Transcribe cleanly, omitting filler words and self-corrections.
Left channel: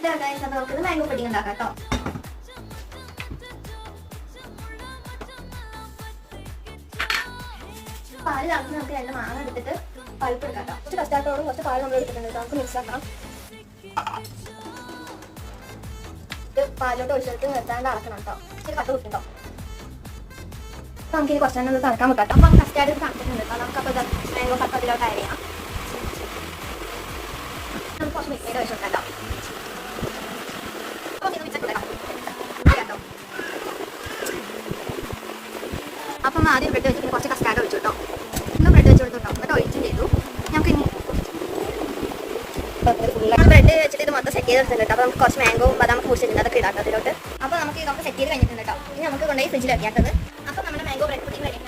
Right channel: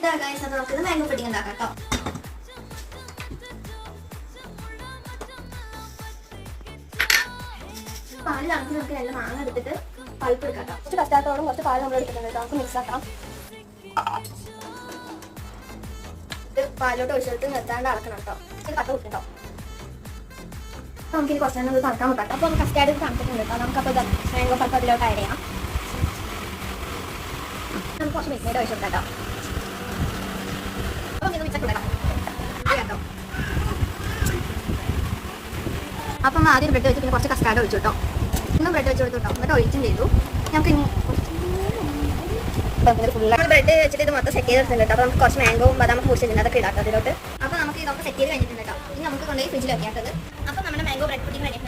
ഇതാ ഗൈസ്, അപ്പോൾ നമുക്ക് മാംഗോ പുഡിംഗ് ഉണ്ടാക്കാം കേട്ടോ. പാല് തിളച്ച് നമുക്ക് രണ്ട് മാങ്ങ എടുത്തിട്ട് പഴുപ്പ് എടുക്കാം കേട്ടോ. കുറച്ച് കസ്റ്റാർഡോടും കുറച്ച് പാല് നമ്മൾ എടുത്തിട്ടുണ്ട് കേട്ടോ. നമുക്ക് മിക്സ് ആക്കാം. ഇത് പാലോട്ട് ഒഴിച്ചെടുത്ത് നിർത്താണ്ട് അളക്കണം കേട്ടോ. കട്ട കുട്ടുണ്ടോ. അപ്പോൾ നമുക്കിനി കുറച്ച് നേരം തണുക്കാൻ വെക്കാം കേട്ടോ. അപ്പോൾ കസ്റ്റാർഡ് തണുത്തിട്ടുണ്ട് കേട്ടോ. നമുക്കപ്പോൾ മാംഗോ പൾപ്പ് അതിലോട്ട് ആഡ് ചെയ്യാം. നമുക്ക് കുറച്ച് മിക്സ് ചെയ്ത് ഒഴിച്ചെടുക്കാം കേട്ടോ. അപ്പം ആദ്യം ബ്രെഡ് വെച്ച് പിന്നെ കുറച്ച് കസ്റ്റാർഡ് ഒഴിച്ചു കേട്ടോ. ഒന്നും ബ്രെഡ് വെച്ച് കൊടുത്തു കേട്ടോ. എന്നിട്ട് ഒഴിച്ചും ചെയ്തു. നമുക്ക് ഇനി ബ്രെഡ് വെച്ചിട്ട് ഇത് മൊത്തം സെറ്റ് ചെയ്തെടുത്തിട്ടുണ്ട് കേട്ടോ. അപ്പോൾ നമുക്ക് കുറച്ച് മാംഗോ ബദാം ഫ്രൂട്ട്സ് ഉണ്ട്, അതൊക്കെ ഇടാം അതിലോട്ട്. അപ്പോൾ നമുക്ക് ഇതൊക്കെ സെറ്റ് ചെയ്ത് കഴിഞ്ഞിട്ടുണ്ട് കേട്ടോ. ഇനി നമുക്ക് കൊണ്ടുപോയി ഫ്രിഡ്ജിൽ വെക്കാത്തത്. അപ്പോൾ നമ്മുടെ മാംഗോ ബ്രെഡ് പുഡിംഗ് റെഡി.